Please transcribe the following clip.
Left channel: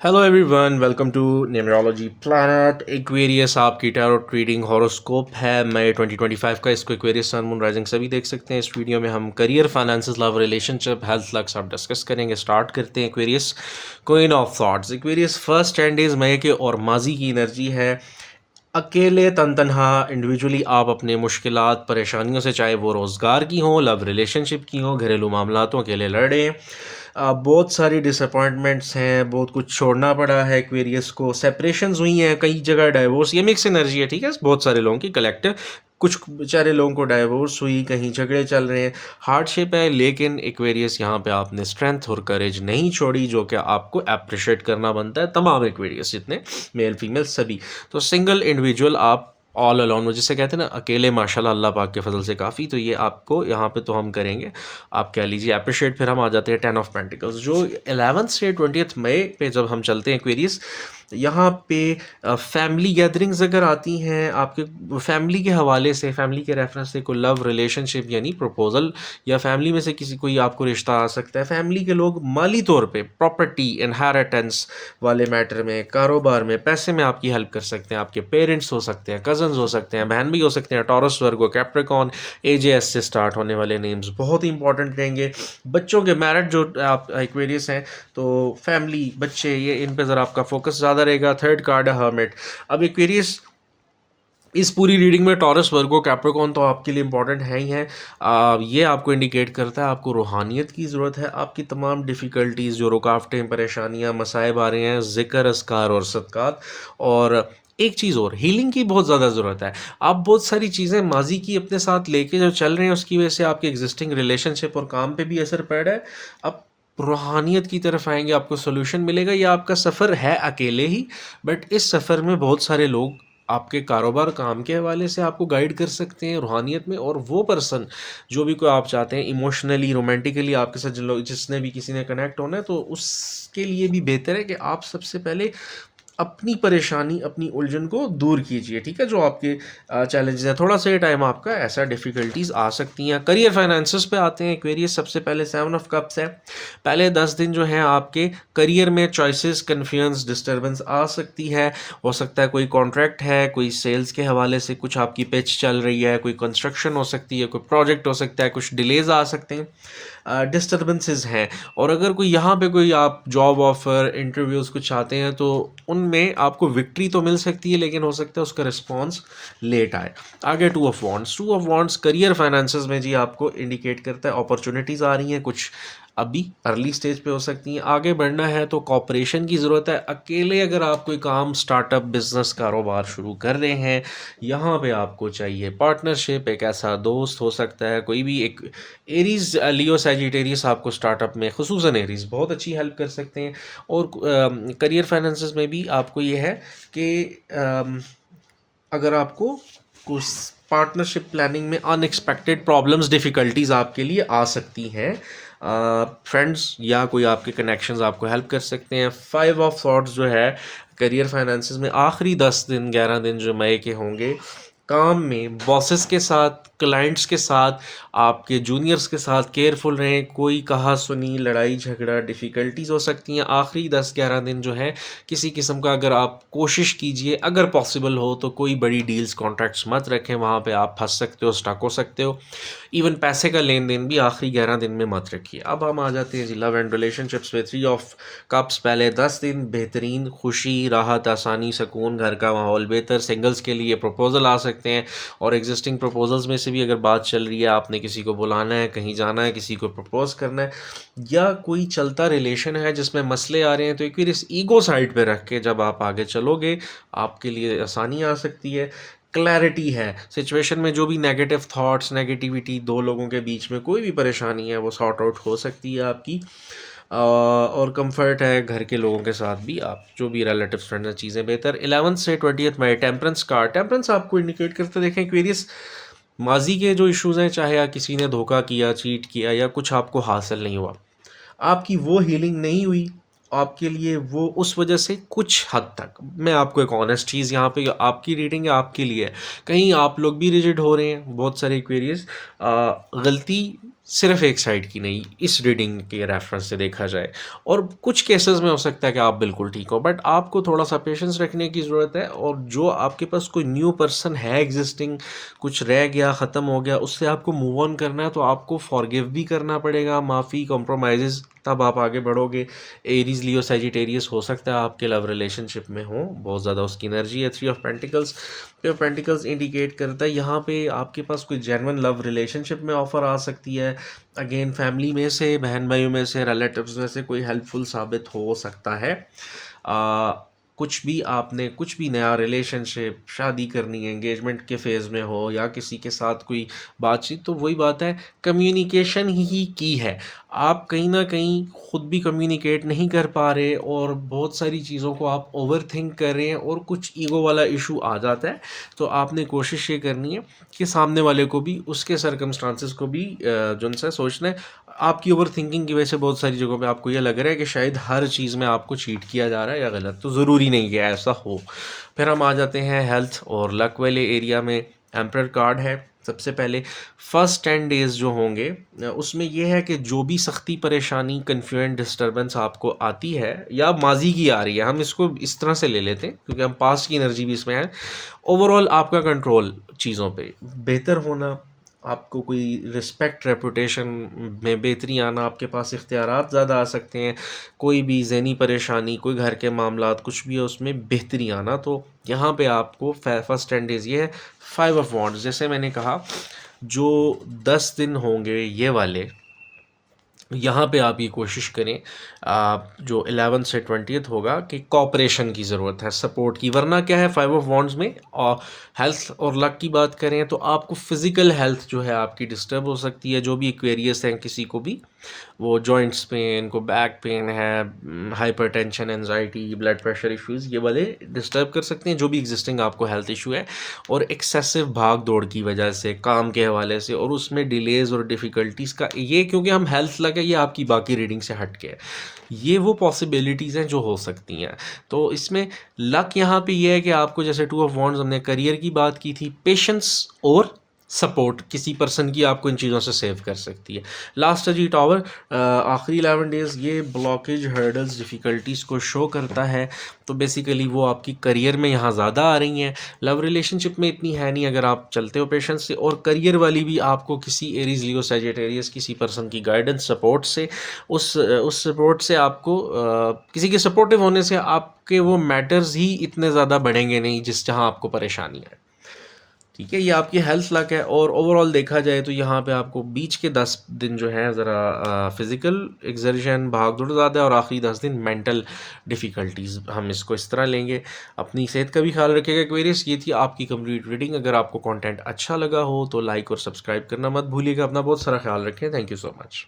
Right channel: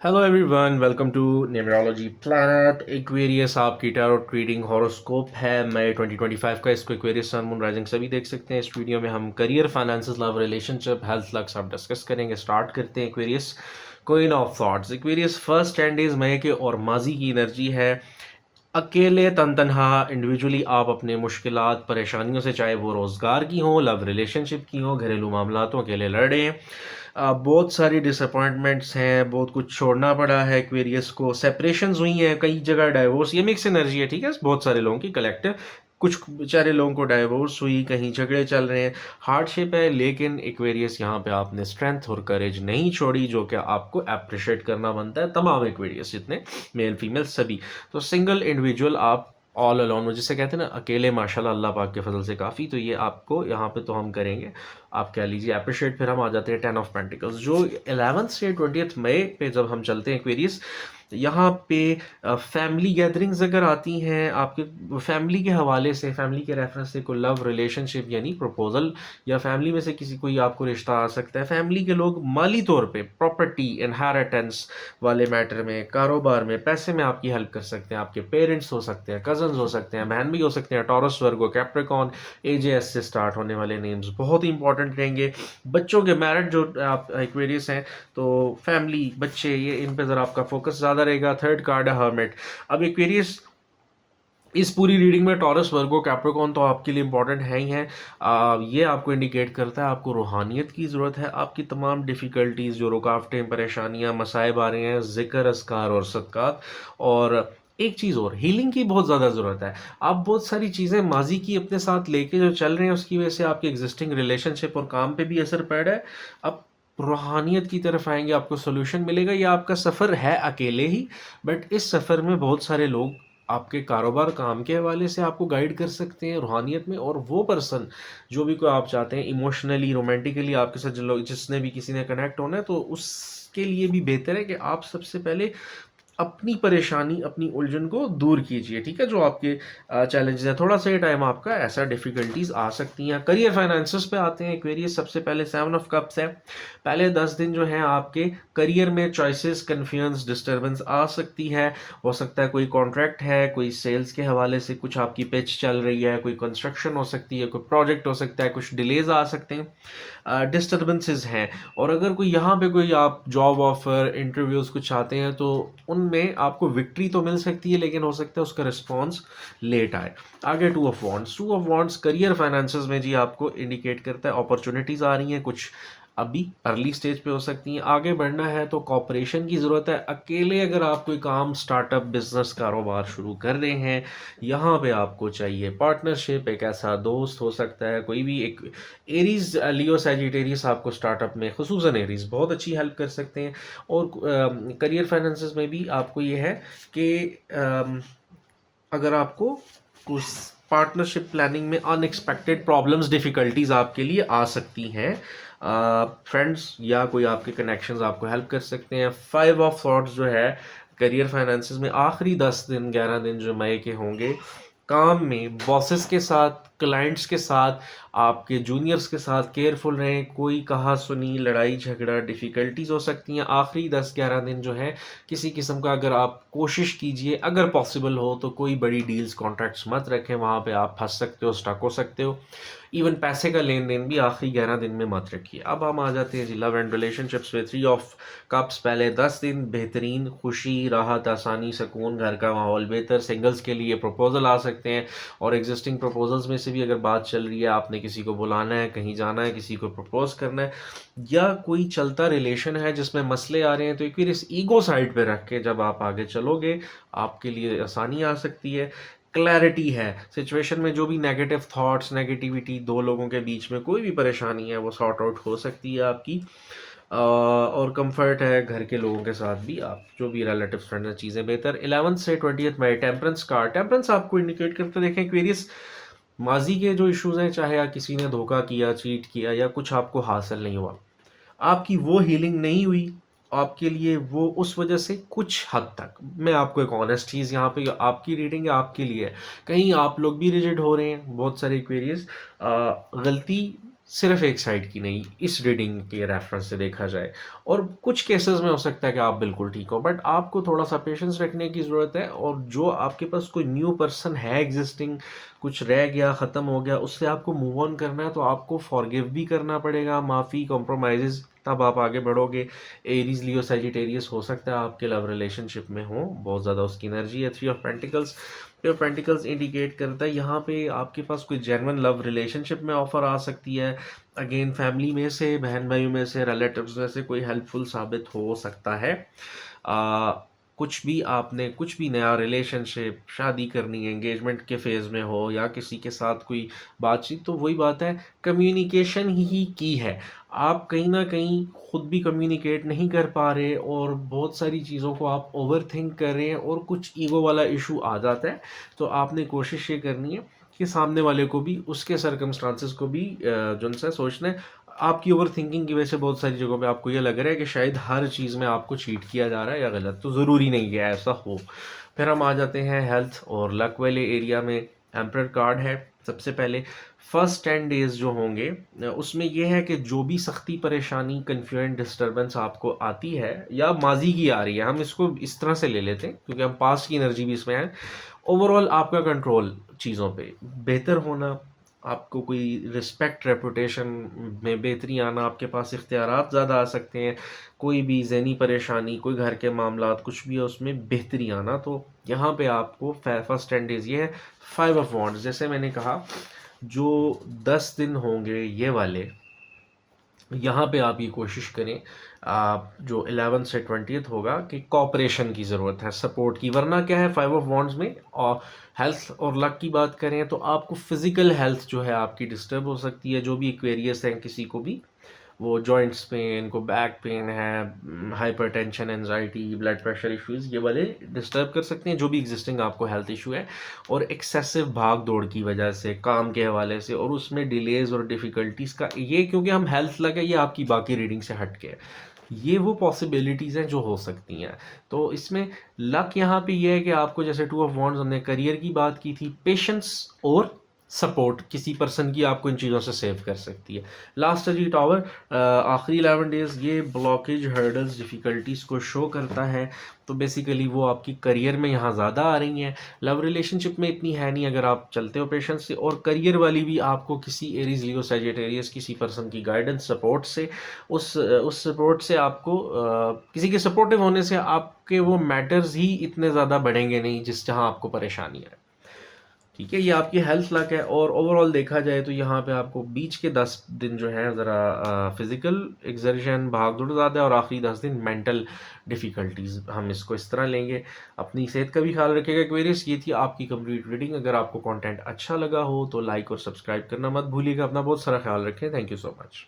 Hello everyone, welcome to numerology planet. Aquarius आपकी tarot reading horoscope है मई 2025 का। इसको एक्वेरियस सन मून राइजिंग सभी देख सकते हैं। इस वीडियो में हम career, finances, love, relationship, health, luck सब डिस्कस करेंगे। स्टार्ट करते हैं। Aquarius queen of thoughts. Aquarius first 10 days मई के और माजी की एनर्जी है। अकेले तन तनहा इंडिविजुअली आप अपने मुश्किलात परेशानियों से, चाहे वो रोज़गार की हो, लव रिलेशनशिप की हो, घरेलू मामलातों, अकेले लड़ रहे हैं। बहुत सारी डिसअपॉइंटमेंट्स हैं, बहुत कुछ छोड़ना पड़ा है। एक्वेरियस को सेपरेशंस हुई हैं, कई जगह डाइवोर्स, ये मिक्स एनर्जी है, ठीक है, बहुत सारे लोगों की कलेक्टिव। कुछ बेचारे लोगों को डाइवोर्स हुई, कहीं झगड़े चल रहे हैं, हार्डशिप है, लेकिन एक्वेरियस यहाँ पे आपने स्ट्रेंथ और करेज नहीं छोड़ी, जो कि आपको अप्रिशिएट करना बनता है। तमाम एक्वेरियस जितने मेल फीमेल सभी। तो सिंगल इंडिविजुअल आप ऑल अलोन, वो जिसे कहते हैं ना अकेले, माशाल्लाह अल्लाह पाक के फजल से काफ़ी। तो ये आपको यहाँ पे तो हम करेंगे, आप कह लीजिए अप्रिशिएट। फिर हम आ जाते हैं 10 ऑफ पेंटिकल्स, जो 11th से 20th मई पे जब हम चलते हैं एक्वेरियस, यहाँ पे फैमिली गैदरिंग्स अगर आती हैं आपके फैमिली के हवाले से, फैमिली के रेफरेंस से, कोई लव रिलेशनशिप यानी प्रपोजल, या फैमिली में से किसी कोई आपको रिश्ता आ सकता है। फैमिली के लोग माली तौर पे, प्रॉपर्टी, इनहेरिटेंस वाले मैटर में, कारोबार में, पैसे में आपकी हेल्प कर सकते हैं। आपके पेरेंट्स हो सकते हैं, कजन्स हो सकते हैं, बहन भी हो सकते हैं। टॉरस, वर्गो, कैप्रिकॉन, एजेएस से स्टार्ट होने वाले नेम्स बहुत ही इंपॉर्टेंट रहेंगे। बच्चों के मैरिट जो आप एक्वेरियस हैं, तो फैमिली, बच्चे, ये इन पे ज़रा आपका फोकस ज़्यादा रहेगा। थर्ड कार्ड है हर्मिट। अब एक्वेरियस इस पूरी रीडिंग में टॉरस, वर्गो, कैप्रिकॉन तो आपके लिए इंपॉर्टेंट है ही है। ये आपको इंडिकेट करता है आपको रूहानियत की ज़रूरत है। आपकी तमाम डिफ़िकल्टीज़, जो रुकावटें, परेशानियां, मसाइब आ रहे हैं, ज़िक्र, अस्कार और सदक़ात। और एक चीज़ और, हीलिंग की बहुत ज़्यादा ज़रूरत है। आप बहुत सारी चीज़ें माजी की अपने साथ लेके जो चल रहे हैं, उसकी वजह से आपके एग्जिस्टिंग रिलेशनशिप और काम पे भी असर पड़ रहा है। अब रूहानियत की तरफ आएंगे, आपको सोल्यूशन मिलेगा। या आपका सफ़र है अकेले ही, बट इस सफ़र में बहुत सारे लोग आपके कारोबार, काम के हवाले से आपको गाइड कर सकते हैं रूहानियत में। और वो पर्सन जो भी कोई आप चाहते हैं इमोशनली, रोमांटिकली आपके साथ, जिन लोग, जिसने भी किसी ने कनेक्ट होना है, तो उसके लिए भी बेहतर है कि आप सबसे पहले अपनी परेशानी, अपनी उलझन को दूर कीजिए, ठीक है। जो आपके चैलेंजेस हैं, थोड़ा सा टाइम आपका ऐसा डिफ़िकल्टीज आ सकती हैं। करियर, फाइनेंसेस पे आते हैं एक्वेरियस। सबसे पहले 7 ऑफ कप्स है। पहले 10 दिन जो हैं आपके करियर में चॉइसेस, कन्फ्यूजन, डिस्टर्बेंस आ सकती है। हो सकता है कोई कॉन्ट्रैक्ट है, कोई सेल्स के हवाले से कुछ आपकी पिच चल रही है, कोई कंस्ट्रक्शन हो सकती है, कोई प्रोजेक्ट हो सकता है, कुछ डिलेज आ सकते हैं, डिस्टर्बेंसेस हैं। और अगर कोई यहाँ पे कोई आप जॉब ऑफ़र, इंटरव्यूज़ कुछ चाहते हैं, तो उनमें आपको विक्ट्री तो मिल सकती है, लेकिन हो सकता है उसका रिस्पॉन्स लेट आए। आगे 2 of wands. 2 of wands career, finances में जी आपको इंडिकेट करता है अपॉर्चुनिटीज़ आ रही हैं, कुछ अभी अर्ली स्टेज पे हो सकती हैं। आगे बढ़ना है तो कॉपरेशन की ज़रूरत है। अकेले अगर आप कोई काम, स्टार्टअप, बिजनेस, कारोबार शुरू कर रहे हैं, यहाँ पे आपको चाहिए पार्टनरशिप। एक ऐसा दोस्त हो सकता है, कोई भी एक एरीज, लियो, सैजिटेरियस आपको स्टार्टअप में, खुसूसन एरीज बहुत अच्छी हेल्प कर सकते हैं। और करियर, फाइनेंसेस में भी आपको ये है कि अगर आपको कुछ पार्टनरशिप प्लानिंग में अनएक्सपेक्टेड प्रॉब्लम्स, डिफ़िकल्टीज आपके लिए आ सकती हैं। फ्रेंड्स या कोई आपके कनेक्शंस आपको हेल्प कर सकते हैं। 5 ऑफ थॉट्स जो है करियर, फाइनेंसेस में, आखिरी 10 दिन, 11 दिन जो मई के होंगे, काम में बॉसेस के साथ, क्लाइंट्स के साथ, आपके जूनियर्स के साथ केयरफुल रहें। कोई कहा सुनी, लड़ाई झगड़ा, डिफ़िकल्टीज हो सकती हैं। आखिरी 10-11 दिन जो है, किसी किस्म का, अगर आप कोशिश कीजिए, अगर पॉसिबल हो तो कोई बड़ी डील्स, कॉन्ट्रैक्ट्स मत रखें, वहाँ पे आप फंस सकते हो, स्टक हो सकते हो। इवन पैसे का लेन देन भी आखिरी 11 दिन में मत रखिए। अब हम आ जाते हैं जी लव एंड रिलेशनशिप्स में। 3 ऑफ कप्स। पहले 10 दिन बेहतरीन, खुशी, राहत, आसानी, सुकून, घर का माहौल बेहतर। सिंगल्स के लिए प्रपोजल आ सकते हैं, और एग्जिस्टिंग प्रपोजल्स में से भी अगर बात चल रही है, आपने किसी को बुलाना है, कहीं जाना है, किसी को प्रपोज करना है, या कोई चलता रिलेशन है जिसमें मसले आ रहे हैं, तो एक बार इस ईगो साइड पे रख के जब आप आगे चलोगे, आपके लिए आसानी आ सकती है। क्लैरिटी है सिचुएशन में, जो भी नेगेटिव थॉट्स, नेगेटिविटी, दो लोगों के बीच में कोई भी परेशानी है, वो सॉर्ट आउट हो सकती है आपकी। और कंफर्ट है घर के लोगों के साथ भी, आप जो भी रिलेटिव फ्रेंड्स हैं, चीज़ें बेहतर। 11th से 20th में टेम्परेंस कार्ड। टेम्परेंस आपको इंडिकेट करते, देखें एक्वेरियस, माजी के जो इश्यूज़ हैं, चाहे या किसी ने धोखा किया, चीट किया, या कुछ आपको हासिल नहीं हुआ, आपकी वो हीलिंग नहीं हुई आपके लिए, वो उस वजह से कुछ हद तक, मैं आपको एक ऑनेस्ट चीज़, यहाँ पे आपकी रीडिंग है, आपके लिए है, कहीं आप लोग भी रिजिड हो रहे हैं। बहुत सारे क्वेरीज, गलती सिर्फ एक साइड की नहीं, इस रीडिंग के रेफरेंस से देखा जाए। और कुछ केसेस में हो सकता है कि आप बिल्कुल ठीक हो, बट आपको थोड़ा सा पेशेंस रखने की ज़रूरत है। और जो आपके पास कोई न्यू पर्सन है एग्जिस्टिंग, कुछ रह गया, ख़त्म हो गया, उससे आपको मूव ऑन करना है, तो आपको फॉरगिव भी करना पड़ेगा, माफ़ी, कॉम्प्रोमाइज़, तब आप आगे बढ़ोगे। एरीज, लियो, सैजिटेरियस हो सकता है आपके लव रिलेशनशिप में हो, बहुत ज़्यादा उसकी एनर्जी है। Three of pentacles, three of pentacles indicate करता है यहाँ पे आपके पास कोई जेन्युइन लव रिलेशनशिप में ऑफ़र आ सकती है। अगेन फैमिली में से, बहन भाइयों में से, रिलेटिव्स में से कोई हेल्पफुल साबित हो सकता है। आ, कुछ भी आपने, कुछ भी नया रिलेशनशिप, शादी करनी है, एंगेजमेंट के फेज़ में हो या किसी के साथ कोई बातचीत, तो वही बात है, कम्युनिकेशन ही की है। आप कहीं ना कहीं खुद भी कम्युनिकेट नहीं कर पा रहे और बहुत सारी चीज़ों को आप ओवर थिंक कर रहे हैं और कुछ ईगो वाला इशू आ जाता है। तो आपने कोशिश ये करनी है कि सामने वाले को भी, उसके सर्कमस्टांसेस को भी जो उनसे सोचना है। आपकी ओवर थिंकिंग की वजह से बहुत सारी जगहों पे आपको ये लग रहा है कि शायद हर चीज़ में आपको चीट किया जा रहा है या गलत, तो ज़रूरी नहीं कि ऐसा हो। फिर हम आ जाते हैं हेल्थ और लक वाले एरिया में। एम्परर कार्ड है सबसे पहले। फर्स्ट 10 डेज़ जो होंगे उसमें यह है कि जो भी सख्ती, परेशानी, कन्फ्यूजन, डिस्टर्बेंस आपको आती है या माजी की आ रही है, हम इसको इस तरह से ले लेते हैं क्योंकि हम पास्ट की एनर्जी भी इसमें है। ओवरऑल आपका कंट्रोल चीज़ों पे बेहतर होना, आपको कोई रिस्पेक्ट, रेपुटेशन में बेहतरी आना, आपके पास इख्तियारात ज़्यादा आ सकते हैं। कोई भी ज़हनी परेशानी, कोई घर के मामलात, कुछ भी है उसमें बेहतरी आना। तो यहाँ पे आपको फर्स्ट 10 डेज़ ये है। 5 ऑफ वॉन्ड्स, जैसे मैंने कहा, जो 10 दिन होंगे ये वाले, यहाँ पे आप ये कोशिश करें, आप जो 11 से 20 होगा, कि कॉपरेशन की ज़रूरत है, सपोर्ट की। वरना क्या है 5 ऑफ वॉन्ड्स में, और हेल्थ और लक की बात करें तो आपको फिज़िकल हेल्थ जो है आपकी डिस्टर्ब हो सकती है। जो भी एक्वेरियस हैं, किसी को भी वो जॉइंट्स पेन, को बैक पेन है, hypertension, anxiety, blood pressure issues, ये वाले डिस्टर्ब कर सकते हैं, जो भी एग्जिस्टिंग आपको हेल्थ इशू है। और एक्सेसिव भाग दौड़ की वजह से, काम के हवाले से, और उसमें डिलेज़ और डिफ़िकल्टीज़ का ये, क्योंकि हम हेल्थ लगा, ये आपकी बाकी रीडिंग से हट के है, ये वो पॉसिबिलिटीज़ हैं जो हो सकती हैं। तो इसमें लक यहाँ पे ये है कि आपको, जैसे 2 ऑफ वॉन्ड्स, हमने करियर की बात की थी, पेशेंस और सपोर्ट किसी पर्सन की आपको इन चीज़ों से सेव कर सकती है। लास्ट है जी टावर। आखिरी 11 डेज़ ये ब्लॉकेज, हर्डल्स, डिफ़िकल्टीज़ को शो करता है। तो बेसिकली वो आपकी करियर में यहाँ ज़्यादा आ रही हैं, लव रिलेशनशिप में इतनी है नहीं अगर आप चलते हो पेशेंस से। और करियर वाली भी आपको किसी एरीज, लियो, सैजिटेरियस, किसी पर्सन की गाइडेंस, सपोर्ट से, उस सपोर्ट से आपको, किसी के सपोर्टिव होने से आपके वो मैटर्स ही इतने ज़्यादा बढ़ेंगे नहीं जिस जहाँ आपको परेशानी है। ठीक है, ये आपकी हेल्थ लक है। और ओवरऑल देखा जाए तो यहाँ पे आपको बीच के 10 दिन जो है ज़रा फिज़िकल एक्सर्शन, भाग दौड़ ज़्यादा है, और आखिरी 10 दिन मेंटल डिफ़िकल्टीज़, हम इसको इस तरह लेंगे। अपनी सेहत का भी ख्याल रखिएगा एक्वेरियस। ये थी आपकी कंप्लीट रीडिंग। अगर आपको कंटेंट अच्छा लगा हो तो लाइक और सब्सक्राइब करना मत भूलिएगा। अपना बहुत सारा ख्याल रखें। Thank you so much.